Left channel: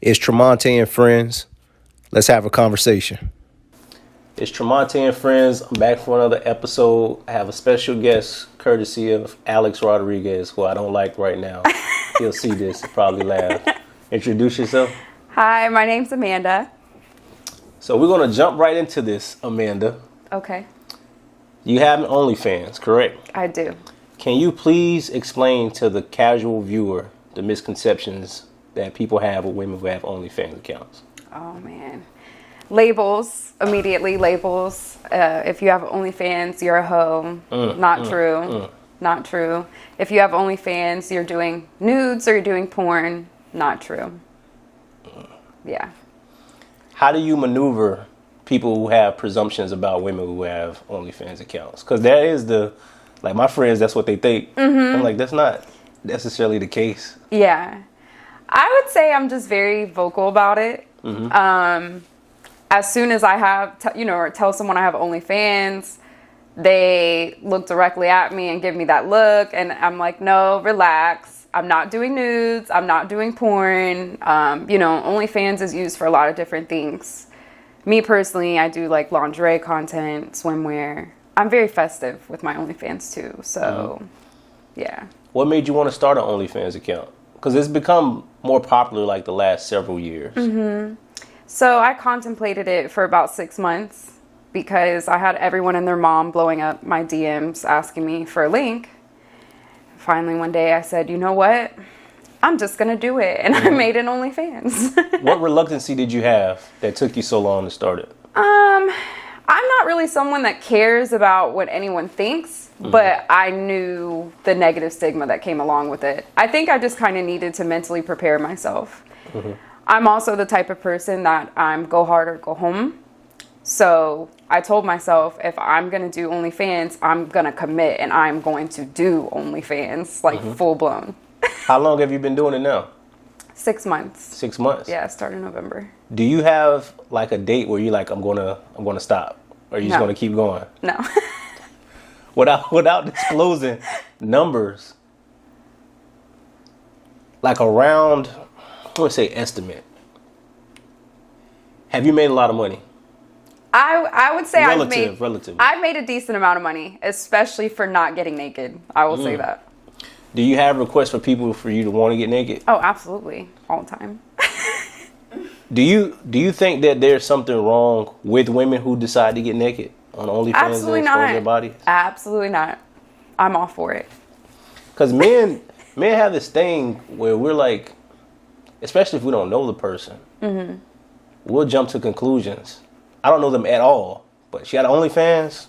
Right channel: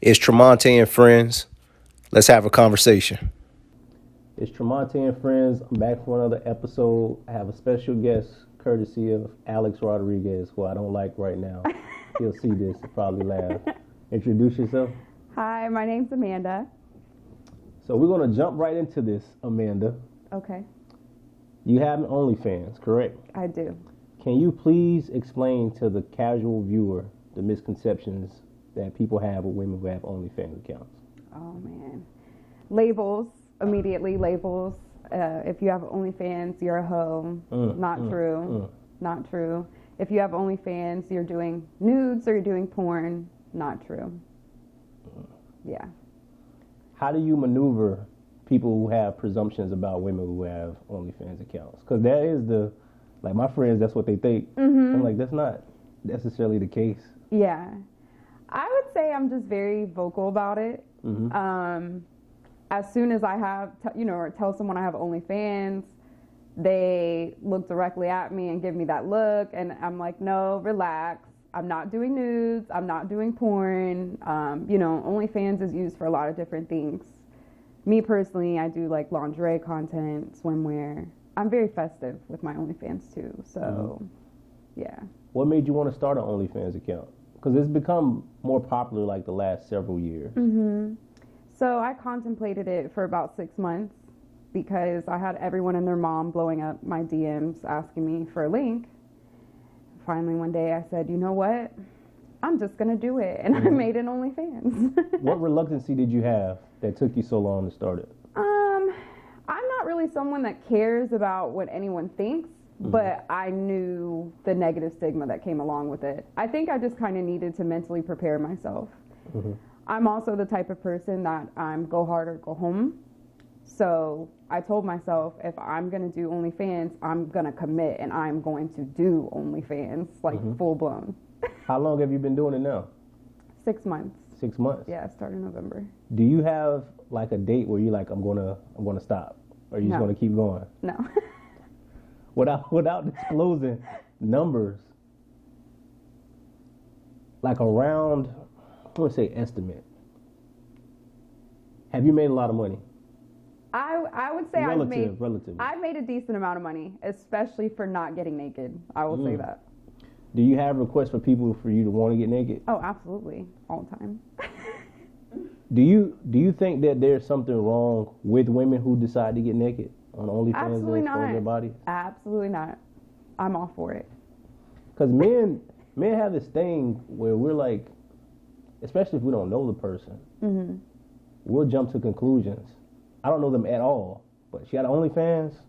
It's Tromonte and friends. Let's have a conversation. It's Tromonte and friends. I'm back for another episode. I have a special guest courtesy of Alex Rodriguez, who I don't like right now. He'll see this and probably laugh. Introduce yourself. Hi, my name's Amanda. So we're going to jump right into this, Amanda. Okay. You have an Onlyfans, correct? I do. Can you please explain to the casual viewer the misconceptions that people have with women who have Onlyfans accounts? Oh, man. Labels, immediately labels. If you have OnlyFans, you're a hoe. Not true. Not true. If you have OnlyFans, you're doing nudes or you're doing porn. Not true. Yeah. How do you maneuver people who have presumptions about women who have OnlyFans accounts? Because that is like my friends, that's what they think. I'm like, that's not necessarily the case. Yeah. I would say I'm just very vocal about it. As soon as I have, or tell someone I have OnlyFans, they look directly at me and give me that look. And I'm like, no, relax. I'm not doing nudes. I'm not doing porn. OnlyFans is used for a lot of different things. Me personally, I do like lingerie content, swimwear. I'm very festive with my OnlyFans too. So, yeah. What made you want to start an OnlyFans account? Because it's become more popular like the last several years. So I contemplated it for about 6 months because I had everyone and their mom blowing up my DMs asking me for a link. Finally, one day I said, you know what? I'm just going to do it. And I made an OnlyFans. What reluctancy did you have that took you so long to start it? I'm not really someone that cares about what anyone thinks, but I knew the negative stigma that came along with it. I think I just kind of needed to mentally prepare myself. I'm also the type of person that I'm go hard or go home. So I told myself, if I'm going to do OnlyFans, I'm going to commit and I'm going to do OnlyFans, like full blown. How long have you been doing it now? 6 months. 6 months? Yeah, it started in November. Do you have like a date where you're like, I'm gonna stop? Or are you just gonna keep going? No. Without disclosing numbers, like around, I would say estimate. Have you made a lot of money? I would say relatively. I've made a decent amount of money, especially for not getting naked. I will say that. Do you have requests for people for you to want to get naked? Oh, absolutely. All the time. Do you think that there's something wrong with women who decide to get naked on OnlyFans Absolutely and expose not. their bodies? Absolutely not. I'm all for it. Because men have this thing where we're like, especially if we don't know the person, we'll jump to conclusions. I don't know them at all, but she got OnlyFans,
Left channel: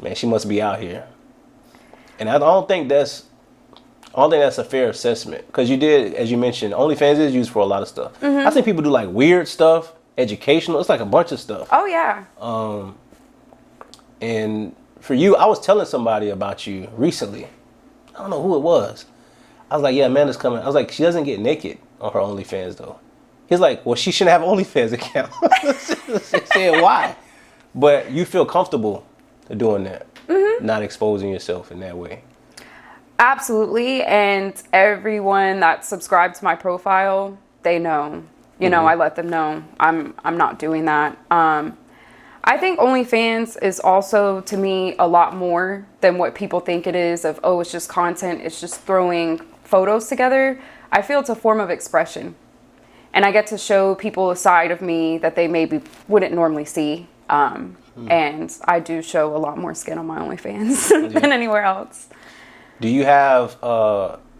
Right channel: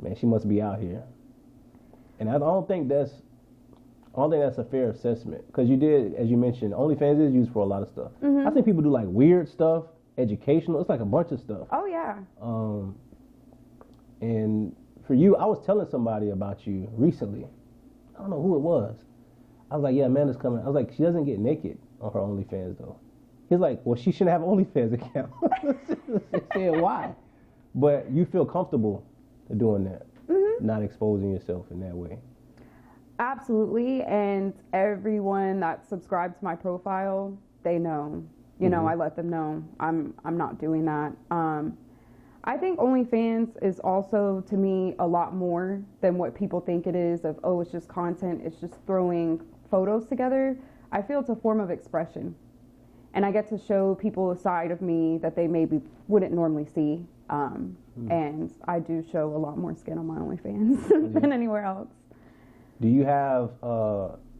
man, she must be out here. And I don't think that's a fair assessment, because you did, as you mentioned, OnlyFans is used for a lot of stuff. I think people do like weird stuff, educational. It's like a bunch of stuff. Oh yeah. And for you, I was telling somebody about you recently. I don't know who it was. I was like, yeah, Amanda's coming. I was like, she doesn't get naked on her OnlyFans though. He's like, well, she shouldn't have an OnlyFans account. I said, why? But you feel comfortable doing that, not exposing yourself in that way. Absolutely. And everyone that subscribed to my profile, they know. I let them know I'm not doing that. I think OnlyFans is also, to me, a lot more than what people think it is of, oh, it's just content, it's just throwing photos together. I feel it's a form of expression. And I get to show people a side of me that they maybe wouldn't normally see. And I do show a lot more skin on my OnlyFans than anywhere else. Do you have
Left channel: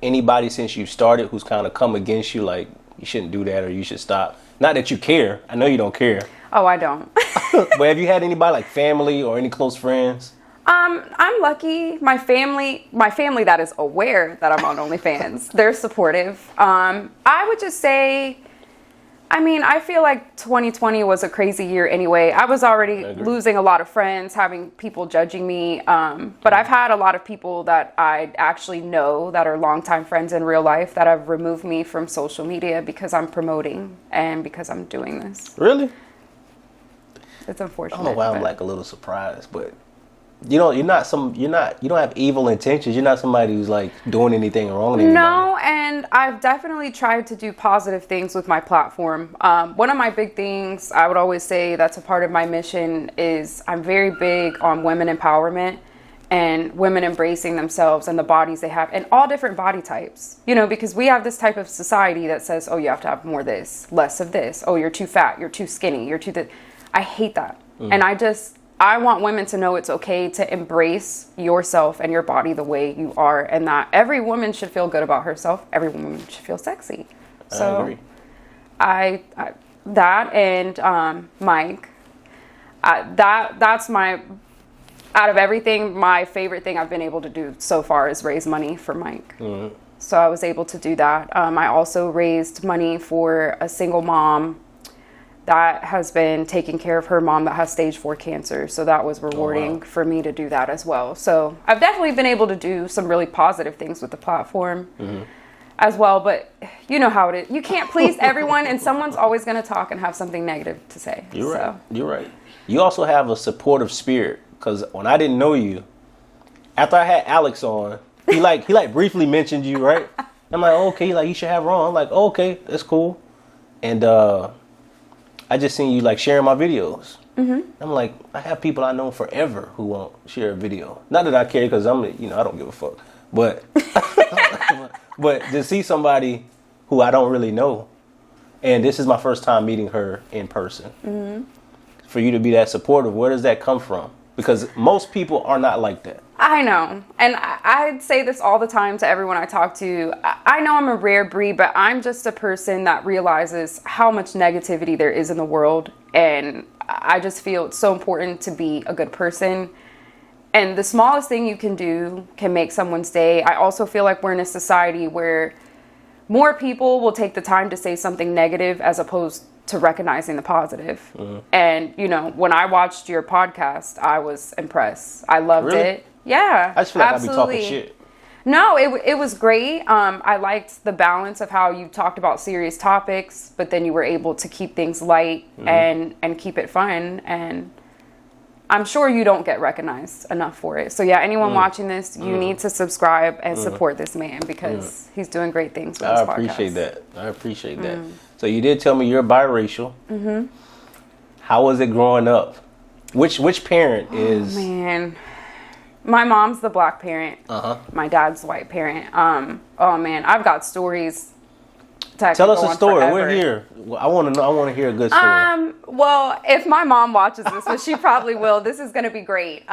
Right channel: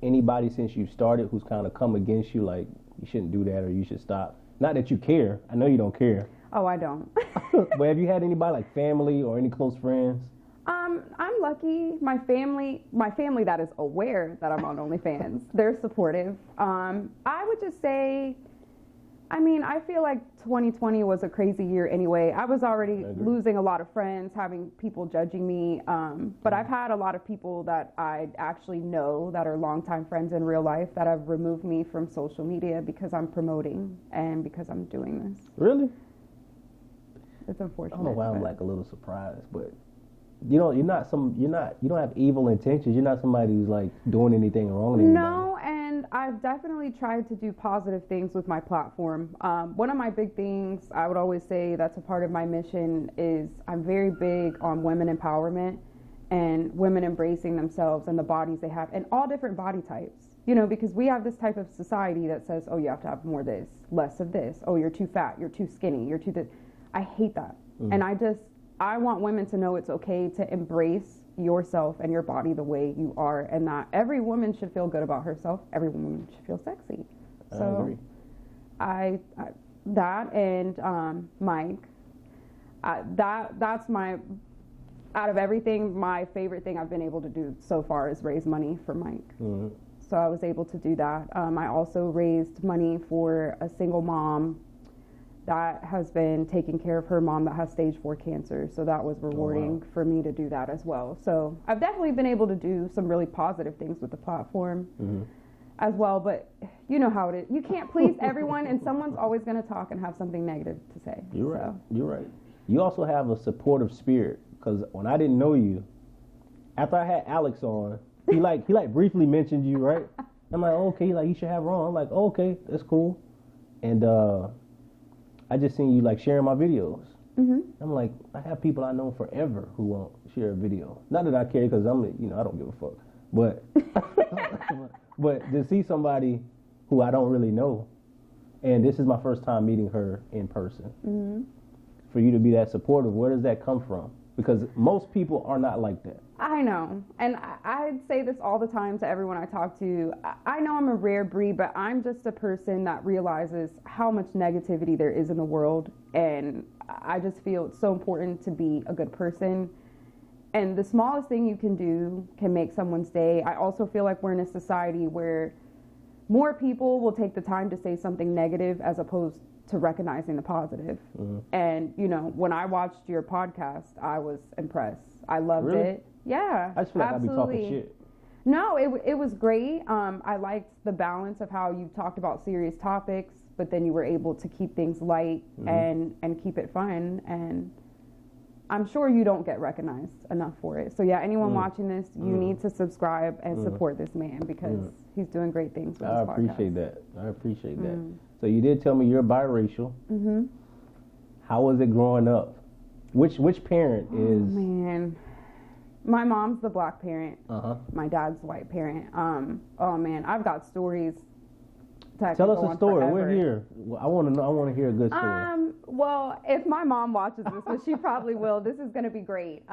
anybody since you started who's kind of come against you, like you shouldn't do that or you should stop? Not that you care. I know you don't care. Oh, I don't. But have you had anybody like family or any close friends? I'm lucky. My family that is aware that I'm on OnlyFans, they're supportive. I would just say, I feel like 2020 was a crazy year anyway. I was already losing a lot of friends, having people judging me. But I've had a lot of people that I actually know that are longtime friends in real life that have removed me from social media because I'm promoting and because I'm doing this. Really? It's unfortunate. I don't know why I'm like a little surprised, but you don't have evil intentions. You're not somebody who's like doing anything wrong to anybody. No, and I've definitely tried to do positive things with my platform. One of my big things I would always say that's a part of my mission is I'm very big on women empowerment and women embracing themselves and the bodies they have and all different body types, because we have this type of society that says, oh, you have to have more of this, less of this. Oh, you're too fat, you're too skinny, you're too I hate that. And I want women to know it's okay to embrace yourself and your body the way you are, and that every woman should feel good about herself. Every woman should feel sexy. So I agree. I that and Mike, that's my, out of everything, my favorite thing I've been able to do so far is raise money for Mike. Mm-hmm. So I was able to do that. I also raised money for a single mom that has been taking care of her mom that has stage 4 cancer. So that was rewarding for me to do that as well. So I've definitely been able to do some really positive things with the platform as well. But you know how it is. You can't please everyone, and someone's always going to talk and have something negative to say. You're right. You're right. You also have a supportive spirit, because when I didn't know you, after I had Alex on, he briefly mentioned you, right? I'm like, oh, okay, like you should have her on. I'm like, oh, okay, that's cool. And I just seen you like sharing my videos. Mm-hmm. I'm like, I have people I know forever who won't share a video. Not that I care, because I don't give a fuck. But but to see somebody who I don't really know, and this is my first time meeting her in person, for you to be that supportive, where does that come from? Because most people are not like that. I know. And I say this all the time to everyone I talk to. I know I'm a rare breed, but I'm just a person that realizes how much negativity there is in the world. And I just feel it's so important to be a good person. And the smallest thing you can do can make someone's day. I also feel like we're in a society where more people will take the time to say something negative as opposed to recognizing the positive. And, when I watched your podcast, I was impressed. I loved it. Yeah, I just feel like absolutely. I be talking shit. No, it was great. I liked the balance of how you talked about serious topics, but then you were able to keep things light and keep it fun. And I'm sure you don't get recognized enough for it. So yeah, anyone watching this, you need to subscribe and support this man, because he's doing great things with his podcast. I appreciate that. So you did tell me you're biracial. How was it growing up? Which parent is? Oh, man. My mom's the black parent. My dad's the white parent. Oh man, I've got stories. Tell us a story. Forever. We're here. I want to know. I want to hear a good story. Well, if my mom watches this, which she probably will, this is going to be great.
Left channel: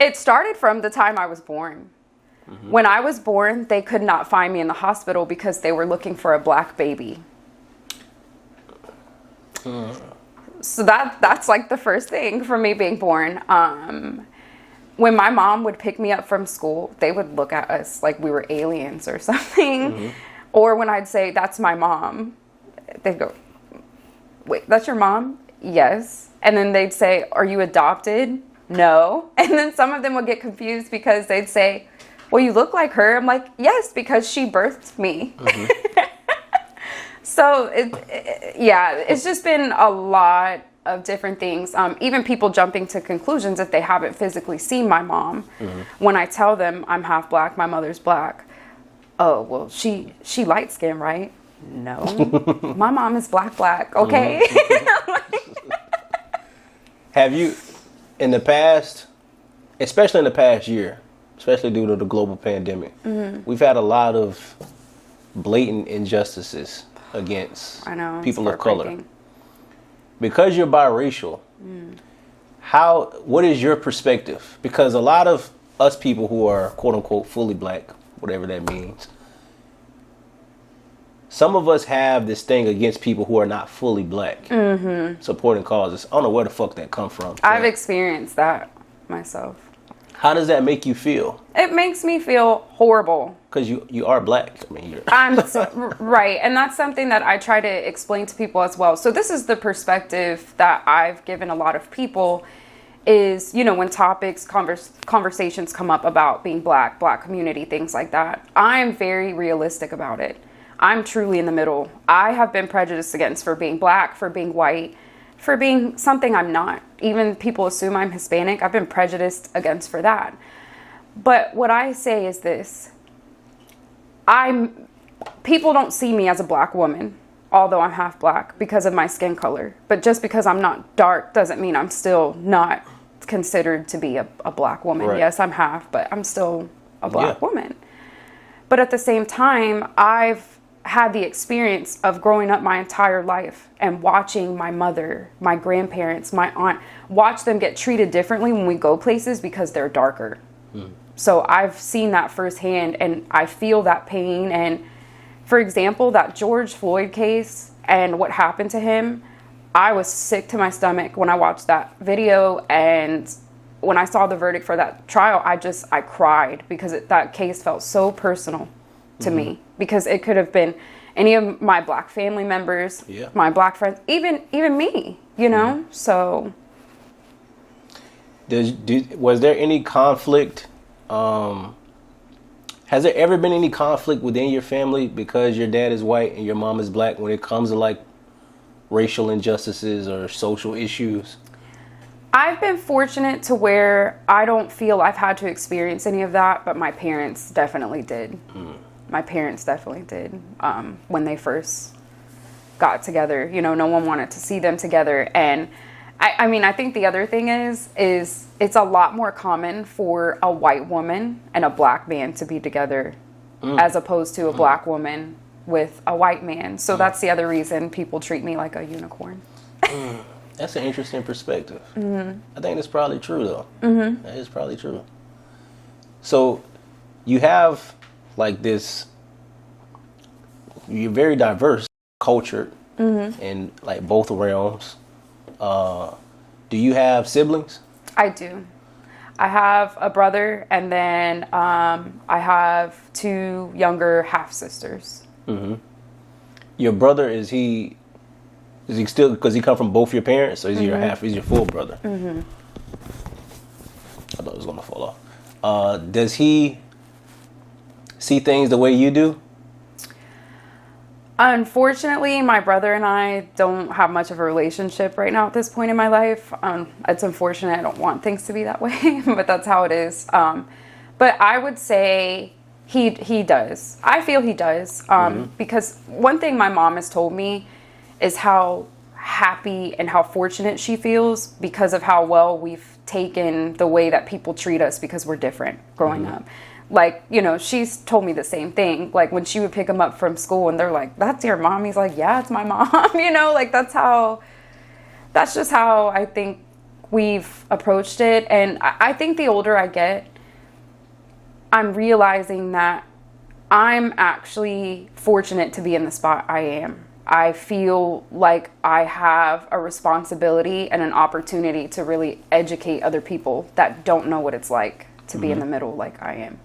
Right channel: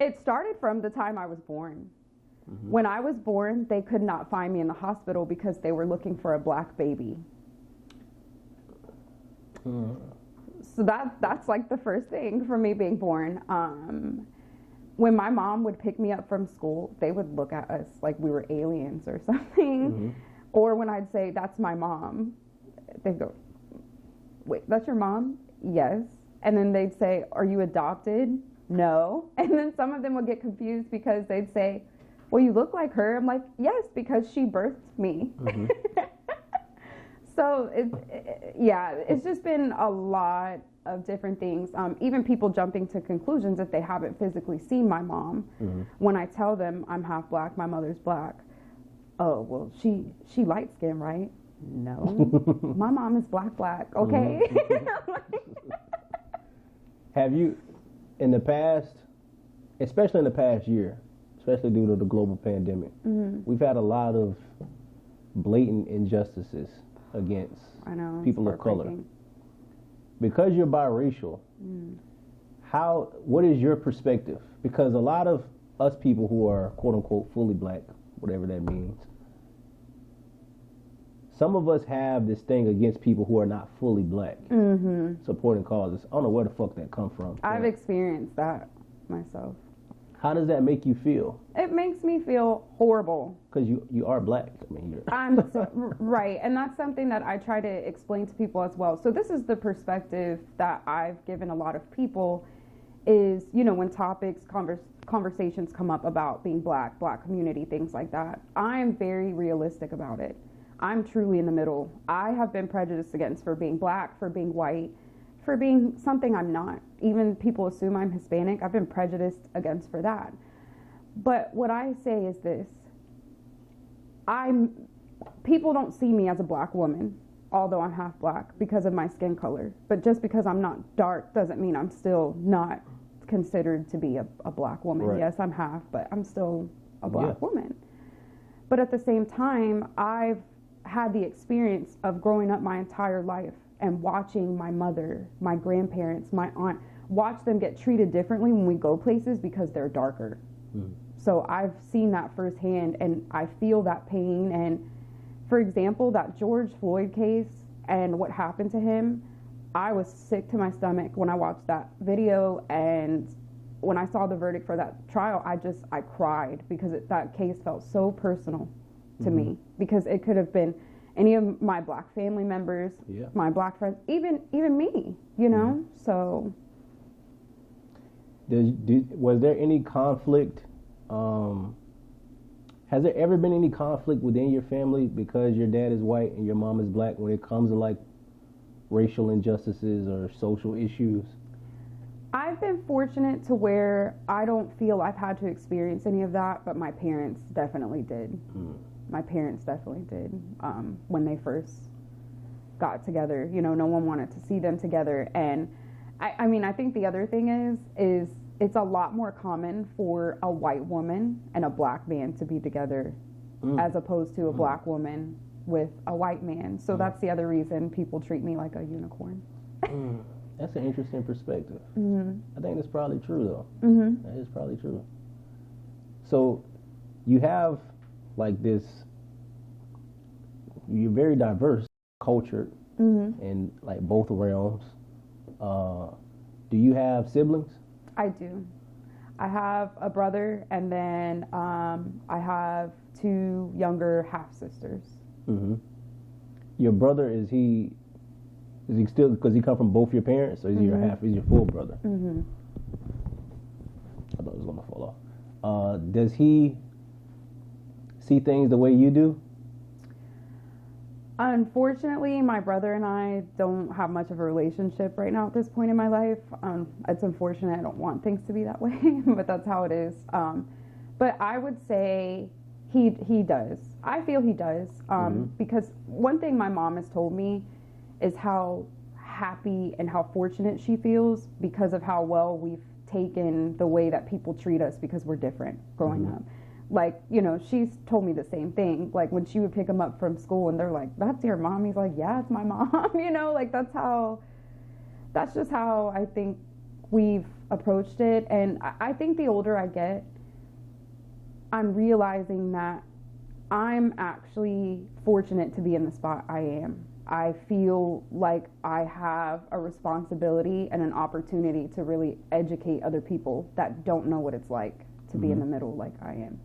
It started from the time I was born. When I was born, they could not find me in the hospital because they were looking for a black baby. So that's like the first thing for me being born. When my mom would pick me up from school, they would look at us like we were aliens or something. Or when I'd say, that's my mom, they'd go, wait, that's your mom? Yes. And then they'd say, are you adopted? No. And then some of them would get confused because they'd say, well, you look like her. I'm like, yes, because she birthed me. So it's just been a lot of different things. Even people jumping to conclusions if they haven't physically seen my mom. When I tell them I'm half black, my mother's black. Oh, well, she light skinned, right? No, my mom is black. Okay. Have you, in the past, especially in the past year, especially due to the global pandemic, we've had a lot of blatant injustices against people of color. Because you're biracial, what is your perspective? Because a lot of us people who are quote unquote fully black, whatever that means, some of us have this thing against people who are not fully black, supporting causes. I don't know where the fuck that come from. I've experienced that myself. How does that make you feel? It makes me feel horrible. Because you are black. I mean, right. And that's something that I try to explain to people as well. So this is the perspective that I've given a lot of people is, when topics, conversations come up about being black community, things like that. I'm very realistic about it. I'm truly in the middle. I have been prejudiced against for being black, for being white, for being something I'm not. even people assume I'm Hispanic. I've been prejudiced against for that. But what I say is this. People don't see me as a black woman, although I'm half black because of my skin color. But just because I'm not dark doesn't mean I'm still not considered to be a black woman. Right. Yes, I'm half, but I'm still a black woman. But at the same time, I've had the experience of growing up my entire life and watching my mother, my grandparents, my aunt, watch them get treated differently when we go places because they're darker. So I've seen that firsthand, and I feel that pain. And for example, that George Floyd case and what happened to him, I was sick to my stomach when I watched that video. And when I saw the verdict for that trial, I cried because that case felt so personal to me, because it could have been any of my black family members, my black friends, even me, you know? So was there any conflict? Has there ever been any conflict within your family because your dad is white and your mom is black when it comes to like racial injustices or social issues? I've been fortunate to where I don't feel I've had to experience any of that, but my parents definitely did. My parents definitely did. When they first got together, you know, no one wanted to see them together. And I mean, I think the other thing is it's a lot more common for a white woman and a black man to be together as opposed to a black woman with a white man. So that's the other reason people treat me like a unicorn. That's an interesting perspective. I think that's probably true, though. That is probably true. So you have like this, you're very diverse, cultured in like both realms. Do you have siblings? I do. I have a brother, and then I have 2 younger half sisters. Your brother, is he still, because he come from both your parents, or is he your half? He's your full brother? I thought it was gonna fall off. Does he see things the way you do? Unfortunately, my brother and I don't have much of a relationship right now at this point in my life. It's unfortunate. I don't want things to be that way, but that's how it is. But I would say he does. I feel he does. Because one thing my mom has told me is how happy and how fortunate she feels because of how well we've taken the way that people treat us because we're different growing up. Like, you know, she's told me the same thing. Like, when she would pick him up from school and they're like, "That's your mom?" He's like, "Yeah, it's my mom." You know, like, that's just how I think we've approached it. And I think the older I get, I'm realizing that I'm actually fortunate to be in the spot I am. I feel like I have a responsibility and an opportunity to really educate other people that don't know what it's like to be in the middle like I am.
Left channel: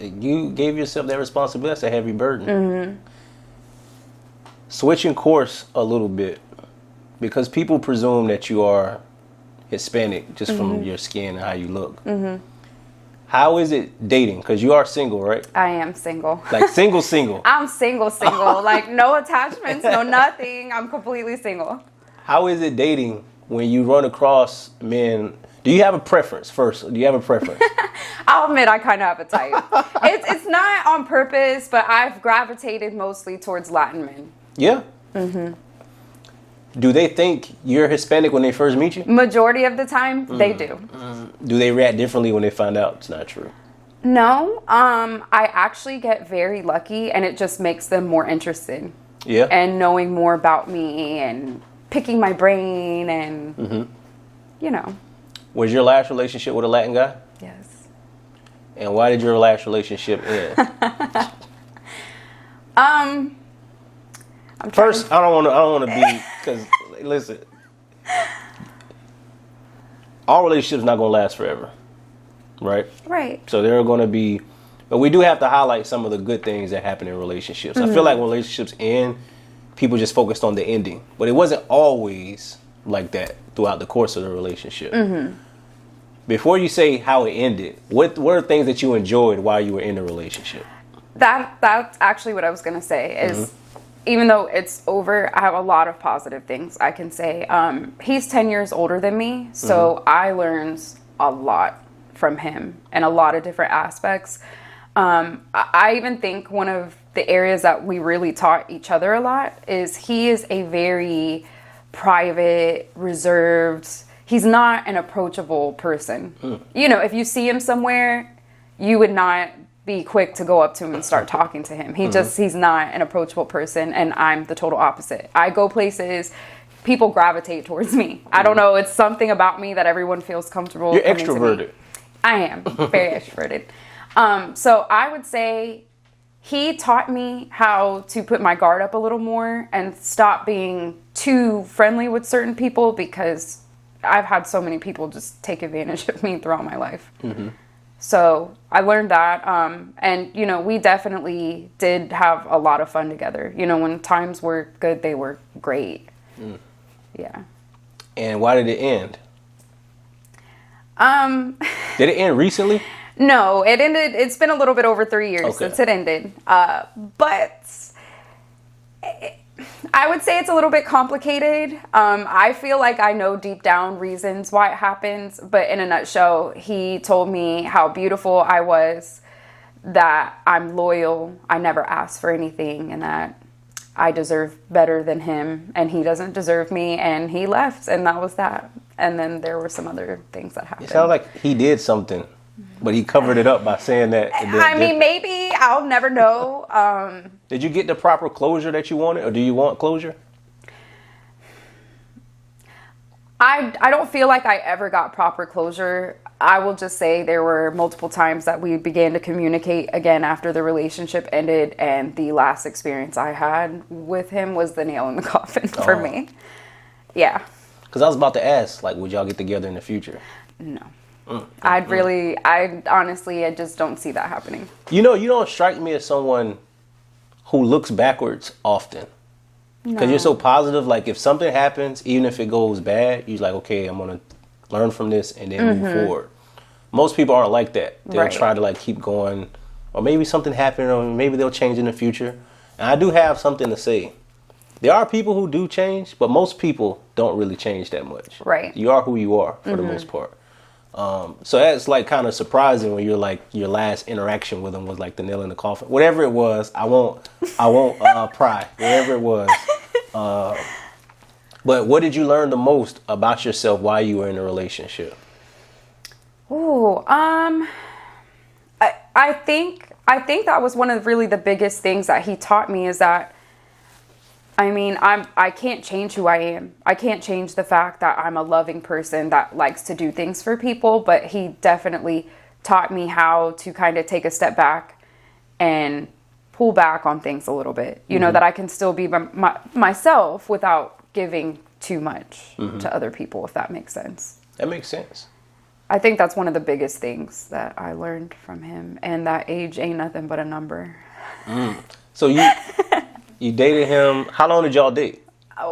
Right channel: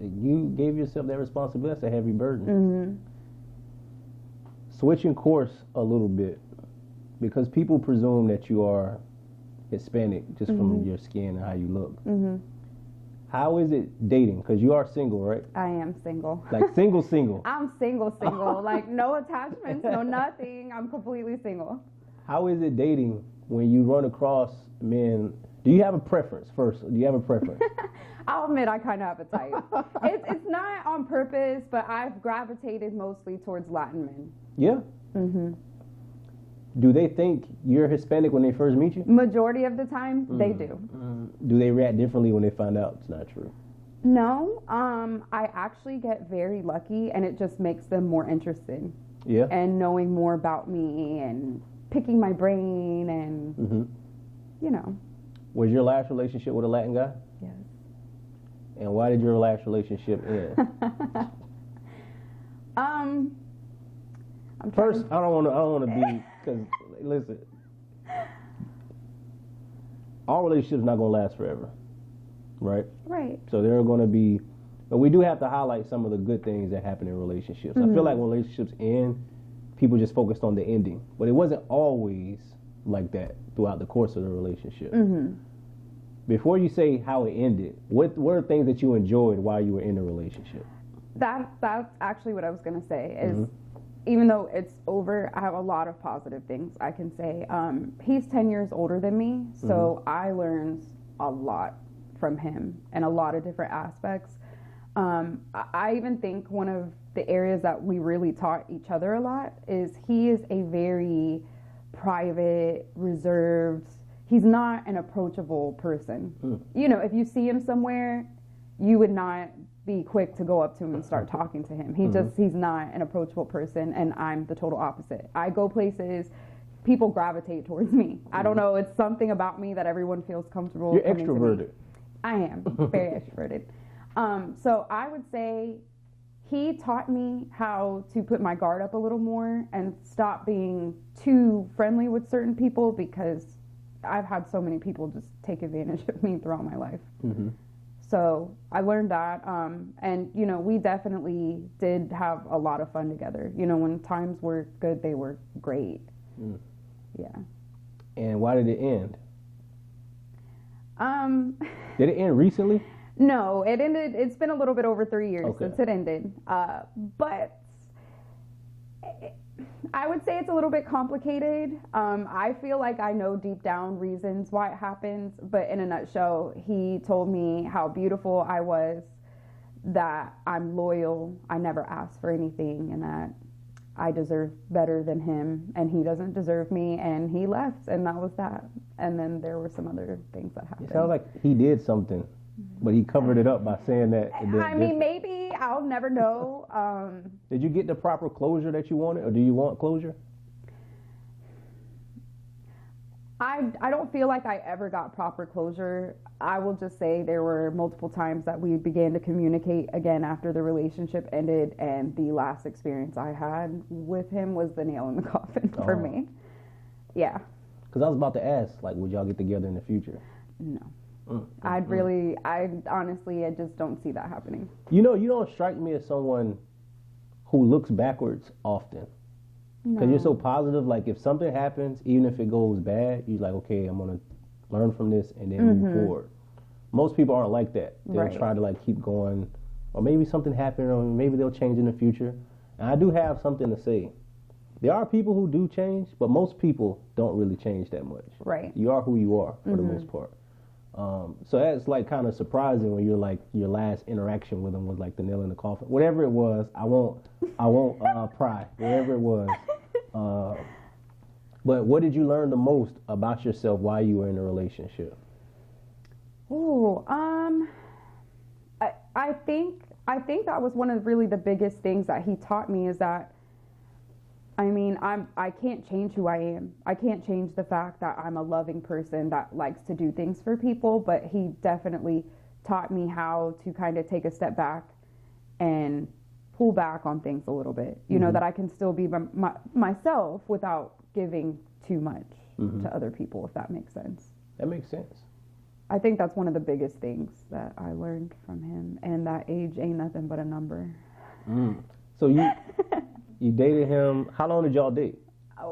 You gave yourself that responsibility. That's a heavy burden. Switching course a little bit, because people presume that you are Hispanic just from your skin and how you look. How is it dating? Because you are single, right? I am single. Like single. I'm single. Like, no attachments, no nothing. I'm completely single. How is it dating when you run across men? Do you have a preference first? Do you have a preference? I'll admit I kind of have a type. It's not on purpose, but I've gravitated mostly towards Latin men. Yeah? Do they think you're Hispanic when they first meet you? Majority of the time, they do. Do they react differently when they find out it's not true? No. I actually get very lucky, and it just makes them more interested. Yeah? And knowing more about me and picking my brain and, you know. Was your last relationship with a Latin guy? Yes. And why did your last relationship end? First, I don't want to be, because listen, all relationships not going to last forever, right? Right. So there are going to be, but we do have to highlight some of the good things that happen in relationships. I feel like when relationships end, people just focused on the ending, but it wasn't always like that throughout the course of the relationship. Before you say how it ended, what are things that you enjoyed while you were in the relationship? That's actually what I was going to say is even though it's over, I have a lot of positive things I can say. He's 10 years older than me, so I learned a lot from him in a lot of different aspects. I even think one of the areas that we really taught each other a lot is he is a very private, reserved, he's not an approachable person. You know, if you see him somewhere, you would not be quick to go up to him and start talking to him. He's not an approachable person, and I'm the total opposite. I go places, people gravitate towards me. I don't know, it's something about me that everyone feels comfortable. You're extroverted. I am very extroverted. So I would say he taught me how to put my guard up a little more and stop being too friendly with certain people, because I've had so many people just take advantage of me throughout my life. So I learned that. And, you know, we definitely did have a lot of fun together. You know, when times were good, they were great. Yeah. And why did it end? Did it end recently? No, it ended. It's been a little bit over 3 years since it ended. But I would say it's a little bit complicated. I feel like I know deep down reasons why it happens, but in a nutshell, he told me how beautiful I was, that I'm loyal, I never asked for anything, and that I deserve better than him, and he doesn't deserve me, and he left, and that was that. And then there were some other things that happened. It sounds like he did something, but he covered it up by saying that. I mean, maybe, I'll never know. Did you get the proper closure that you wanted, or do you want closure? I don't feel like I ever got proper closure. I will just say there were multiple times that we began to communicate again after the relationship ended, and the last experience I had with him was the nail in the coffin for me. Yeah. Because I was about to ask, like, would y'all get together in the future? No. I honestly, I just don't see that happening. You know, you don't strike me as someone who looks backwards often. Because you're so positive. Like, if something happens, even if it goes bad, you're like, okay, I'm going to learn from this and then move forward. Most people aren't like that. They'll try to, like, keep going. Or maybe something happened, or maybe they'll change in the future. And I do have something to say. There are people who do change, but most people don't really change that much. Right. You are who you are for the most part. So that's like kind of surprising when you're like your last interaction with him was like the nail in the coffin. Whatever it was, I won't pry. Whatever it was. But what did you learn the most about yourself while you were in a relationship? Ooh, I think that was one of really the biggest things that he taught me is that, I mean, I can't change who I am. I can't change the fact that I'm a loving person that likes to do things for people, but he definitely taught me how to kind of take a step back and pull back on things a little bit. You know, that I can still be myself without giving too much to other people, if that makes sense. That makes sense. I think that's one of the biggest things that I learned from him, and that age ain't nothing but a number. So you dated him. How long did y'all date?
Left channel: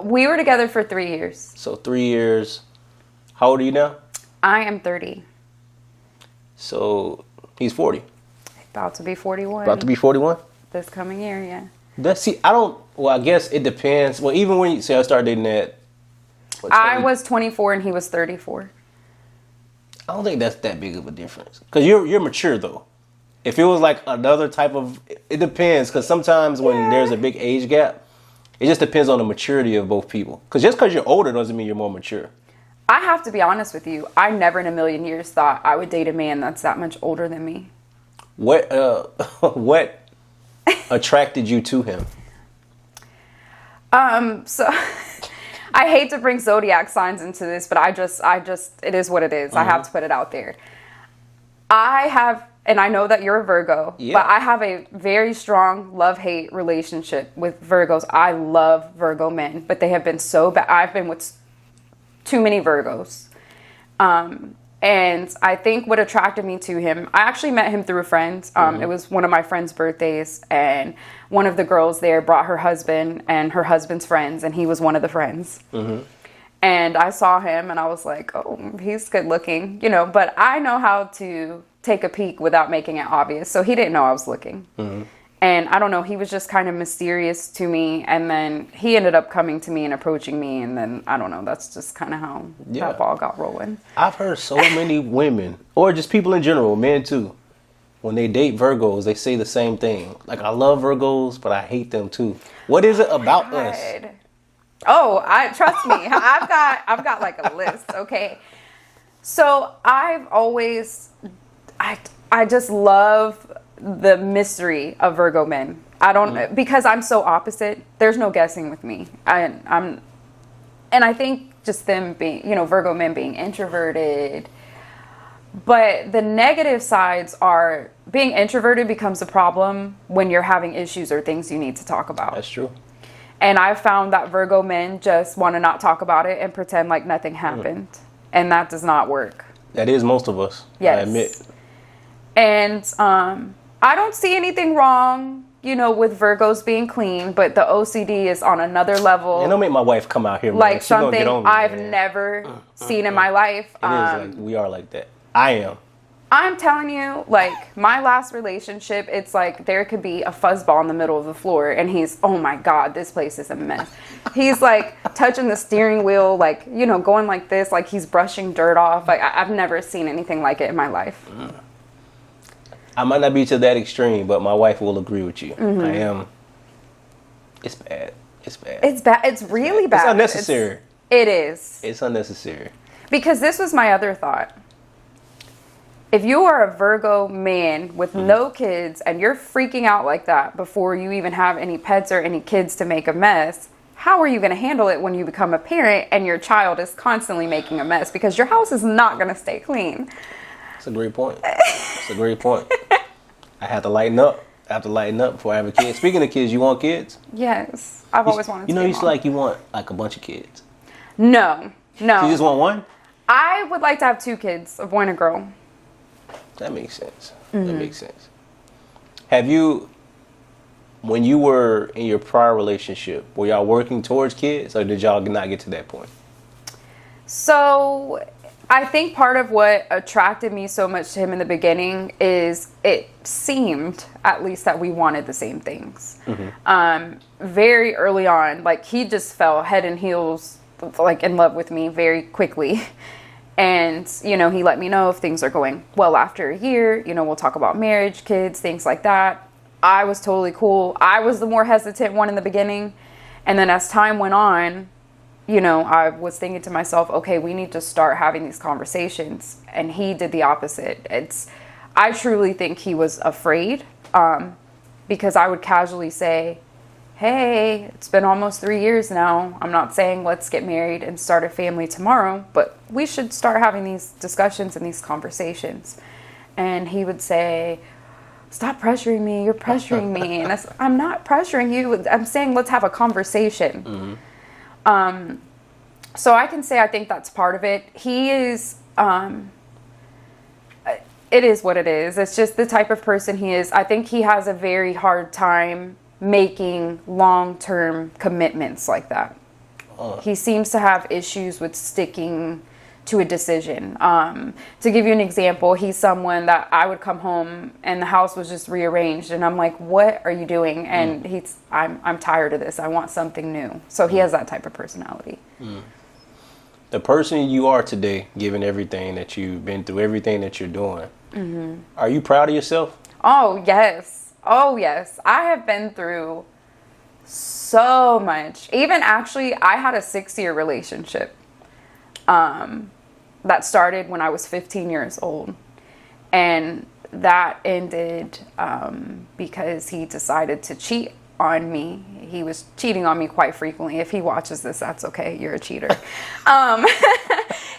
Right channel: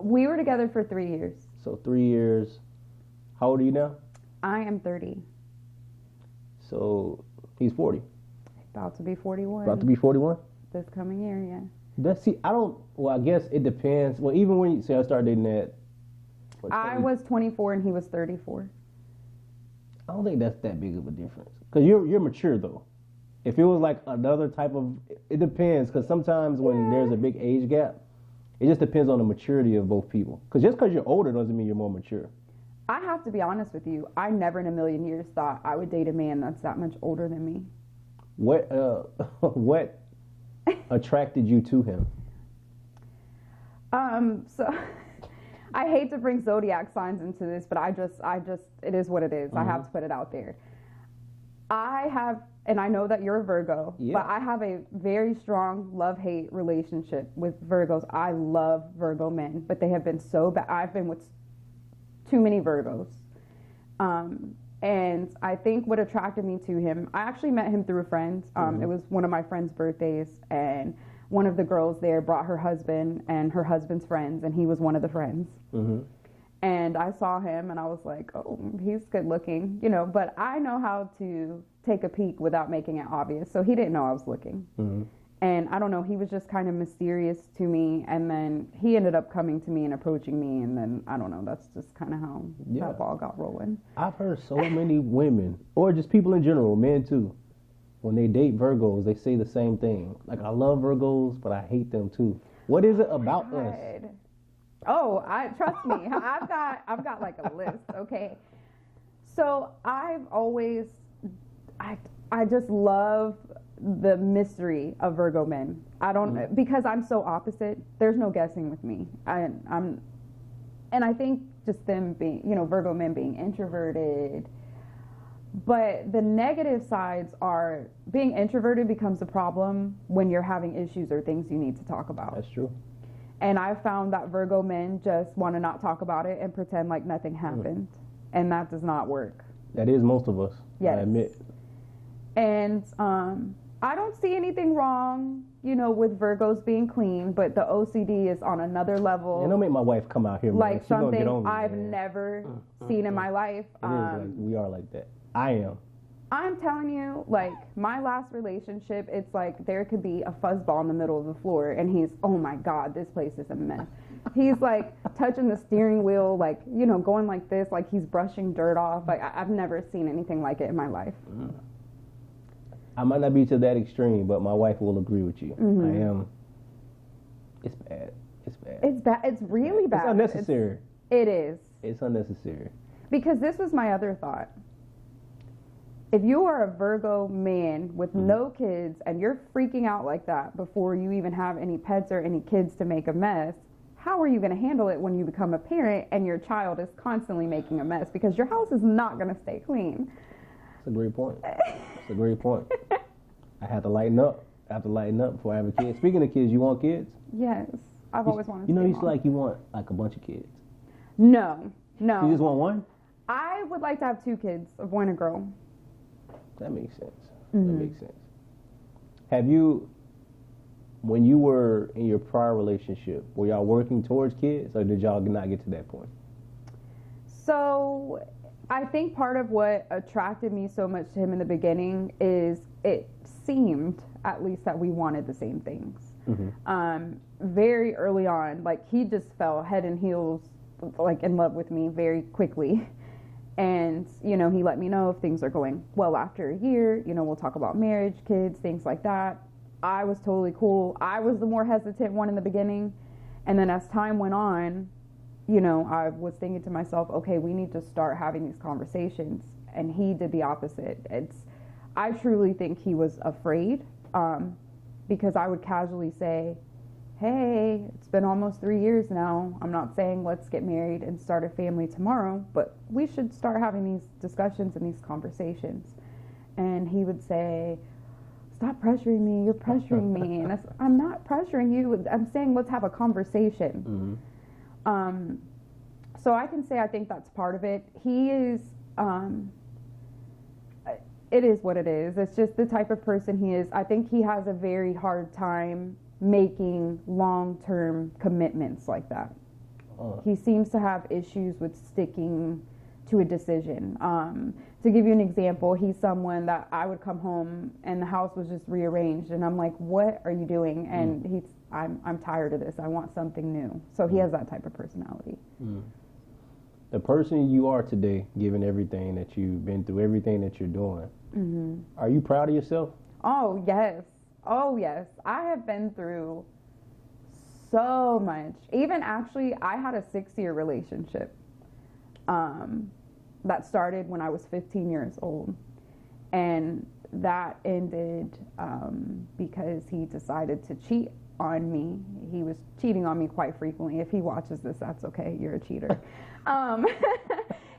We were together for 3 years. So 3 years. How old are you now? I am 30. So he's 40. About to be 41. About to be 41? This coming year, yeah. I guess it depends. Well, even when you say I started dating at... I was 24 and he was 34. I don't think that's that big of a difference. Because you're mature, though. If it was like another type of... It depends, because sometimes when there's a big age gap, it just depends on the maturity of both people. Because just because you're older doesn't mean you're more mature. I have to be honest with you. I never in a million years thought I would date a man that's that much older than me. What attracted you to him? So I hate to bring zodiac signs into this, but I just it is what it is. I have to put it out there. And I know that you're a Virgo, but I have a very strong love-hate relationship with Virgos. I love Virgo men, but they have been so bad. I've been with too many Virgos. And I think what attracted me to him, I actually met him through a friend. It was one of my friend's birthdays, and one of the girls there brought her husband and her husband's friends, and he was one of the friends. And I saw him, and I was like, oh, he's good looking, you know, but I know how to take a peek without making it obvious. So he didn't know I was looking. And I don't know, he was just kind of mysterious to me. And then he ended up coming to me and approaching me. And then, I don't know, that's just kind of how that ball got rolling. I've heard so many women, or just people in general, men too, when they date Virgos, they say the same thing. Like, I love Virgos, but I hate them too. What is it about us? Oh, trust me. I've got like a list, okay? So I've always, I just love the mystery of Virgo men. I don't, because I'm so opposite, there's no guessing with me. And I think just them being, Virgo men being introverted. But the negative sides are being introverted becomes a problem when you're having issues or things you need to talk about. That's true. And I've found that Virgo men just want to not talk about it and pretend like nothing happened. And that does not work. That is most of us, yes. I admit. And I don't see anything wrong, with Virgos being clean, but the OCD is on another level. And don't make my wife come out here, man. Like She's something gonna get on me, I've man. never seen in my life. It is like, we are like that. I am. I'm telling you, like, my last relationship, it's like there could be a fuzzball in the middle of the floor, and he's, oh my God, this place is a mess. He's like touching the steering wheel, like, going like this, like he's brushing dirt off. Like, I've never seen anything like it in my life. I might not be to that extreme, but my wife will agree with you. I am. It's bad. It's bad. It's bad. It's really bad. It's unnecessary. It is. It's unnecessary. Because this was my other thought. If you are a Virgo man with no kids and you're freaking out like that before you even have any pets or any kids to make a mess, how are you going to handle it when you become a parent and your child is constantly making a mess? Because your house is not going to stay clean. That's a great point. That's a great point. I have to lighten up. I have to lighten up before I have a kid. Speaking of kids, you want kids? Yes. I've always wanted to. You like you want like a bunch of kids. No. You just want one? I would like to have 2 kids, a boy and a girl. That makes sense. That makes sense. Have you, when you were in your prior relationship, were y'all working towards kids, or did y'all not get to that point? So I think part of what attracted me so much to him in the beginning is it seemed, at least, that we wanted the same things. Very early on, like, he just fell head and heels, like, in love with me very quickly. And, he let me know if things are going well after a year. We'll talk about marriage, kids, things like that. I was totally cool. I was the more hesitant one in the beginning. And then as time went on, I was thinking to myself, okay, we need to start having these conversations. And he did the opposite. I truly think he was afraid, because I would casually say, hey, it's been almost 3 years now. I'm not saying let's get married and start a family tomorrow, but we should start having these discussions and these conversations. And he would say, stop pressuring me. You're pressuring me. And I'm not pressuring you. I'm saying let's have a conversation. So I can say I think that's part of it. He is, it is what it is. It's just the type of person he is. I think he has a very hard time making long-term commitments like that. He seems to have issues with sticking to a decision. To give you an example, he's someone that I would come home and the house was just rearranged and I'm like, what are you doing? And I'm tired of this. I want something new. So he has that type of personality. The person you are today, given everything that you've been through, everything that you're doing, are you proud of yourself? Oh, yes. Oh, yes. I have been through so much. Even actually, I had a 6-year relationship that started when I was 15 years old. And that ended because he decided to cheat on me. He was cheating on me quite frequently. If he watches this, that's okay. You're a cheater.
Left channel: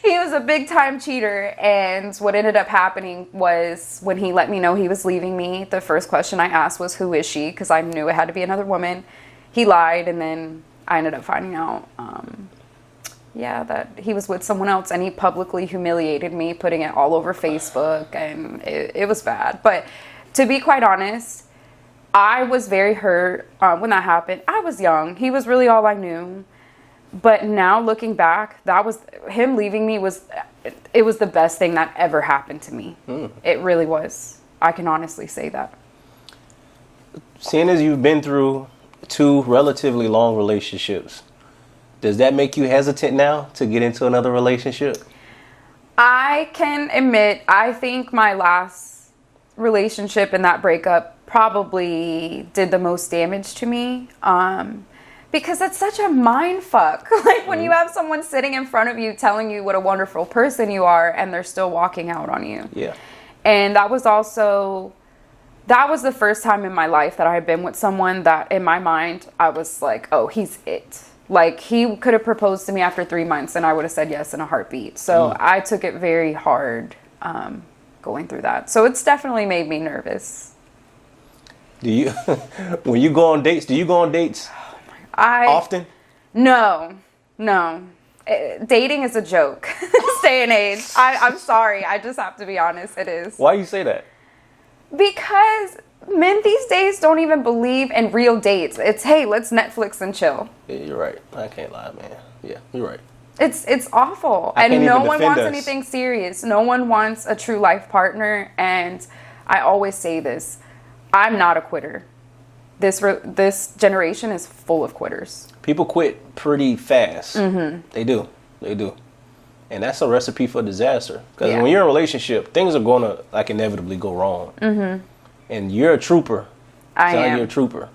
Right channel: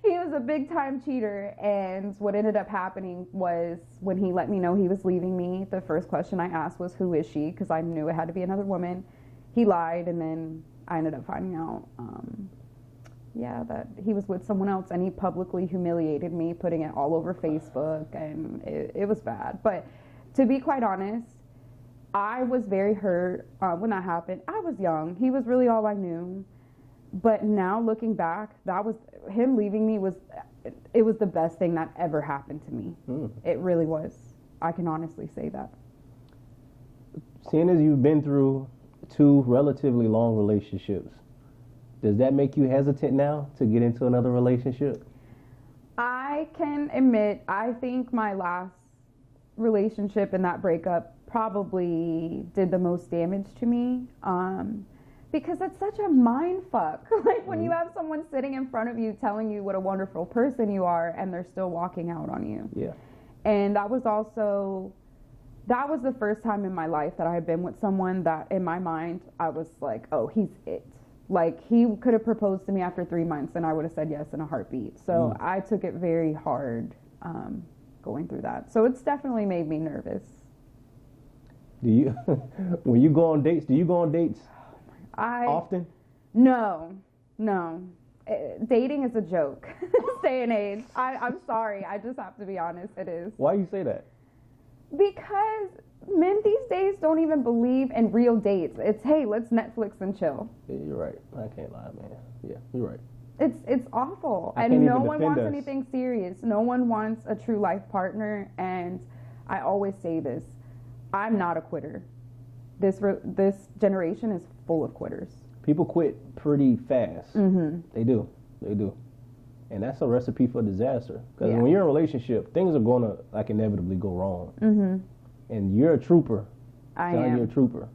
He was a big time cheater. And what ended up happening was when he let me know he was leaving me, the first question I asked was, who is she? Because I knew it had to be another woman. He lied. And then I ended up finding out, that he was with someone else. And he publicly humiliated me, putting it all over Facebook. And it was bad. But to be quite honest, I was very hurt when that happened. I was young. He was really all I knew. But now looking back, that was him leaving me was the best thing that ever happened to me. It really was. I can honestly say that. seeing as you've been through 2 relatively long relationships, does that make you hesitant now to get into another relationship? I can admit, I think my last relationship and that breakup probably did the most damage to me. Because it's such a mind fuck. Like when you have someone sitting in front of you telling you what a wonderful person you are and they're still walking out on you. Yeah. And that was the first time in my life that I had been with someone that in my mind, I was like, oh, he's it. Like he could have proposed to me after 3 months and I would have said yes in a heartbeat. So I took it very hard going through that. So it's definitely made me nervous. Do you, when you go on dates, often? No. Dating is a joke this day and age. I'm sorry. I just have to be honest. It is. Why you say that? Because men these days don't even believe in real dates. It's, hey, let's Netflix and chill. Yeah, you're right. I can't lie, man. Yeah, you're right. It's awful. And no one wants anything serious. No one wants a true life partner. And I always say this. I'm not a quitter. This generation is full of quitters. People quit pretty fast. Mm-hmm. They do. And that's a recipe for disaster. Because when you're in a relationship, things are going to like inevitably go wrong. Mm-hmm. And you're a trooper. I am. You're a trooper.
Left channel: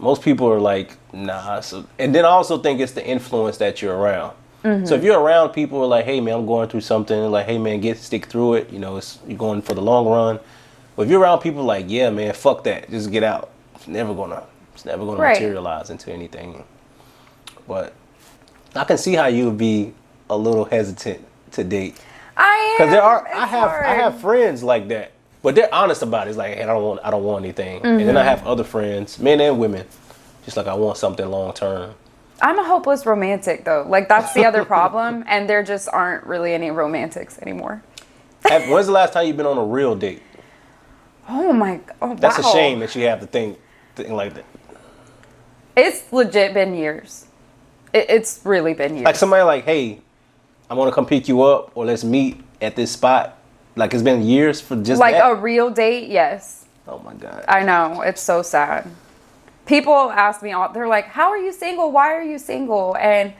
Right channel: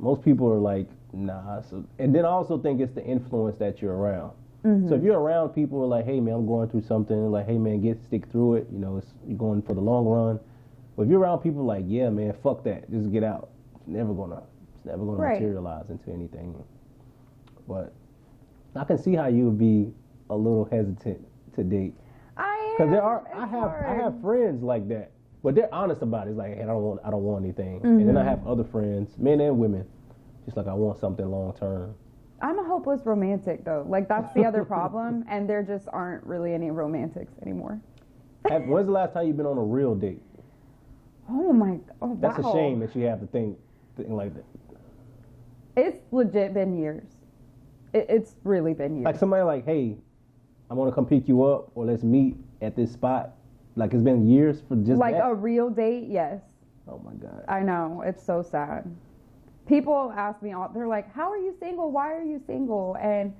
Most people are like, nah. And then I also think it's the influence that you're around. Mm-hmm. So if you're around people who are like, hey man, I'm going through something. Like, hey man, stick through it. You know, you're going for the long run. But if you're around people like, yeah man, fuck that, just get out. It's never gonna materialize into anything. But I can see how you would be a little hesitant to date. I am. Because I have friends like that, but they're honest about it. It's like, hey, I don't want anything. Mm-hmm. And then I have other friends, men and women, just like I want something long term. I'm a hopeless romantic though. Like that's the other problem, and there just aren't really any romantics anymore. When's the last time you've been on a real date? Oh my! Oh, that's a shame that you have to think like that. It's legit been years. It's really been years. Like somebody like, hey, I'm gonna come pick you up, or let's meet at this spot. Like it's been years for just like that? A real date. Yes. Oh my God. I know, it's so sad. People ask me all. They're like, "How are you single? Why are you single?" And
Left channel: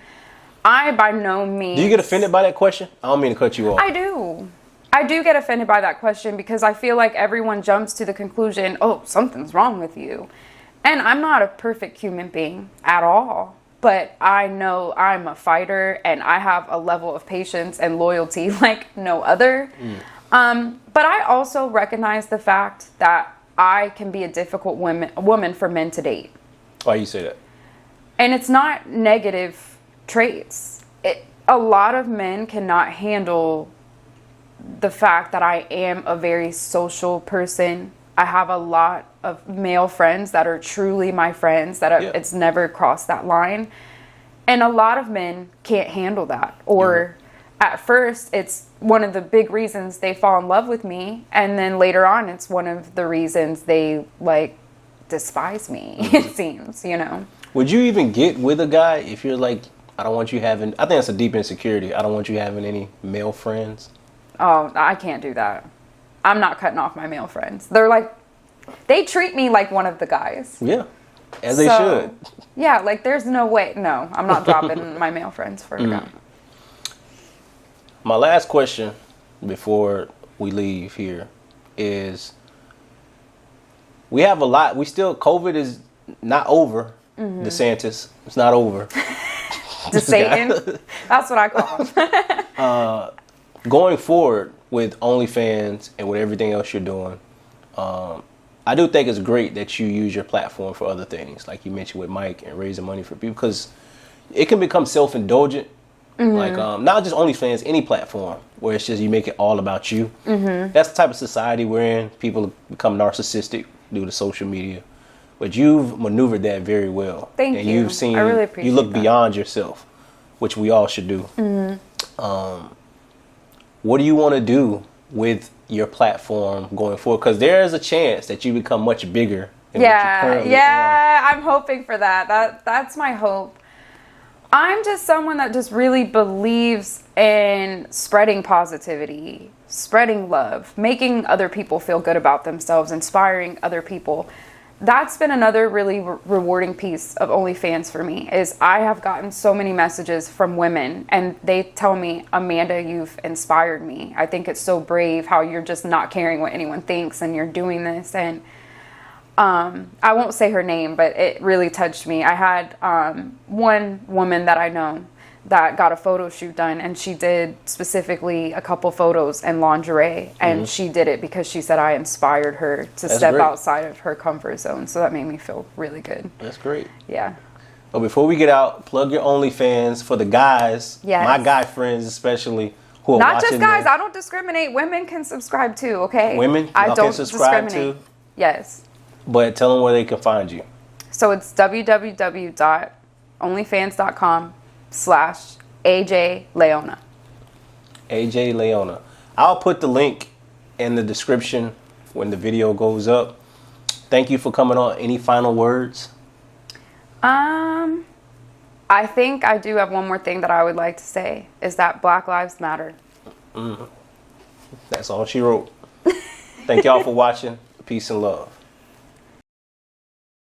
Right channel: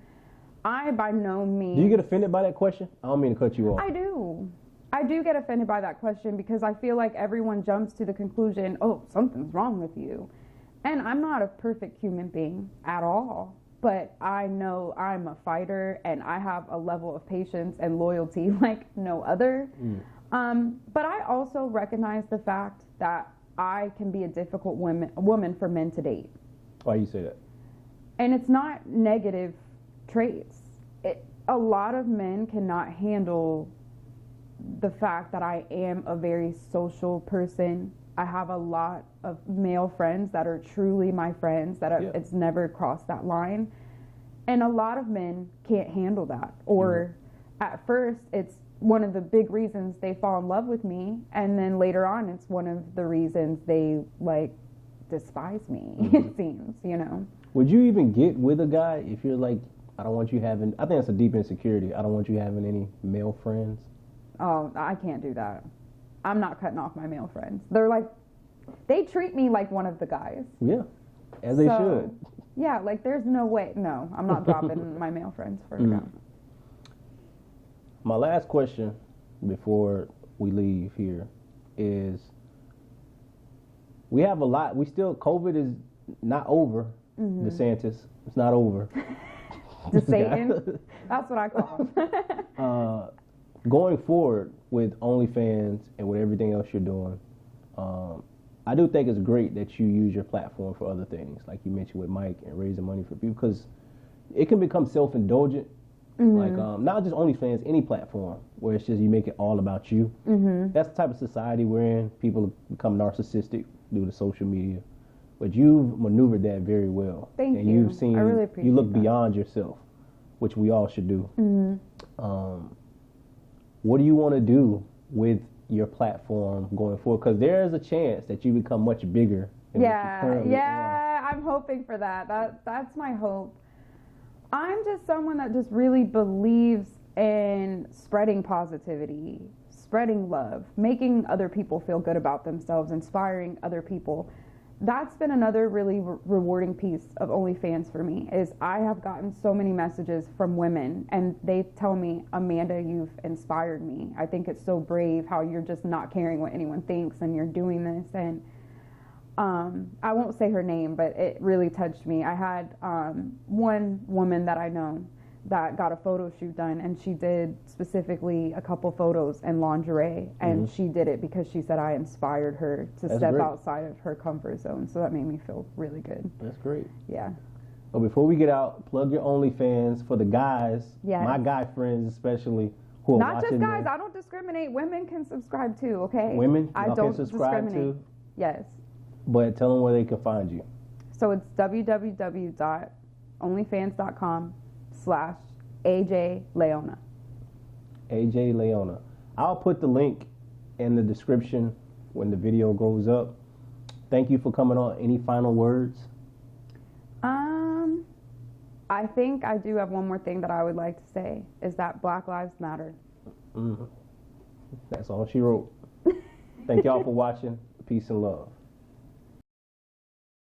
I, by no means. Do you get offended by that question? I don't mean to cut you off. I do. I do get offended by that question because I feel like everyone jumps to the conclusion, oh, something's wrong with you. And I'm not a perfect human being at all. But I know I'm a fighter and I have a level of patience and loyalty like no other. But I also recognize the fact that I can be a difficult woman for men to date. Why you say that? And it's not negative traits. A lot of men cannot handle the fact that I am a very social person. I have a lot of male friends that are truly my friends, that it's never crossed that line. And a lot of men can't handle that. Or at first, it's one of the big reasons they fall in love with me. And then later on, it's one of the reasons they like despise me, it seems, you know. Would you even get with a guy if you're like, I don't want you having, I think that's a deep insecurity. I don't want you having any male friends. Oh, I can't do that. I'm not cutting off my male friends. They're like, they treat me like one of the guys. Yeah, as they should. Yeah, like there's no way. No, I'm not dropping my male friends for a guy. My last question before we leave here is, we have a lot, COVID is not over. DeSantis, it's not over. Satan, that's what I call him. Going forward with OnlyFans and with everything else you're doing, I do think it's great that you use your platform for other things, like you mentioned with Mike and raising money for people, because it can become self-indulgent. Like not just OnlyFans, any platform where it's just you make it all about you. That's the type of society we're in. People become narcissistic due to social media, but you've maneuvered that very well. Thank and you. You've seen, I really appreciate you look that. beyond yourself, which we all should do. What do you want to do with your platform going forward? Because there is a chance that you become much bigger than what you currently are. I'm hoping for that. That's my hope. I'm just someone that just really believes in spreading positivity, spreading love, making other people feel good about themselves, inspiring other people. that's been another really rewarding piece of OnlyFans for me is I have gotten so many messages from women and they tell me, Amanda, you've inspired me. I think it's so brave how you're just not caring what anyone thinks and you're doing this. And I won't say her name, but it really touched me. I had one woman that I know that got a photo shoot done, and she did specifically a couple photos in lingerie, and she did it because she said I inspired her to step great. outside of her comfort zone. So that made me feel really good. That's great. Yeah. But before we get out, plug your OnlyFans for the guys, Yes. my guy friends especially, who are Not watching just guys. this. I don't discriminate. Women can subscribe too, okay? Women, I y'all don't can subscribe discriminate. too. Yes. But tell them where they can find you. So it's www.onlyfans.com/AJ Leona. AJ Leona. I'll put the link in the description when the video goes up. Thank you for coming on. Any final words? I think I do have one more thing that I would like to say is that Black Lives Matter. That's all she wrote. Thank y'all for watching. Peace and love.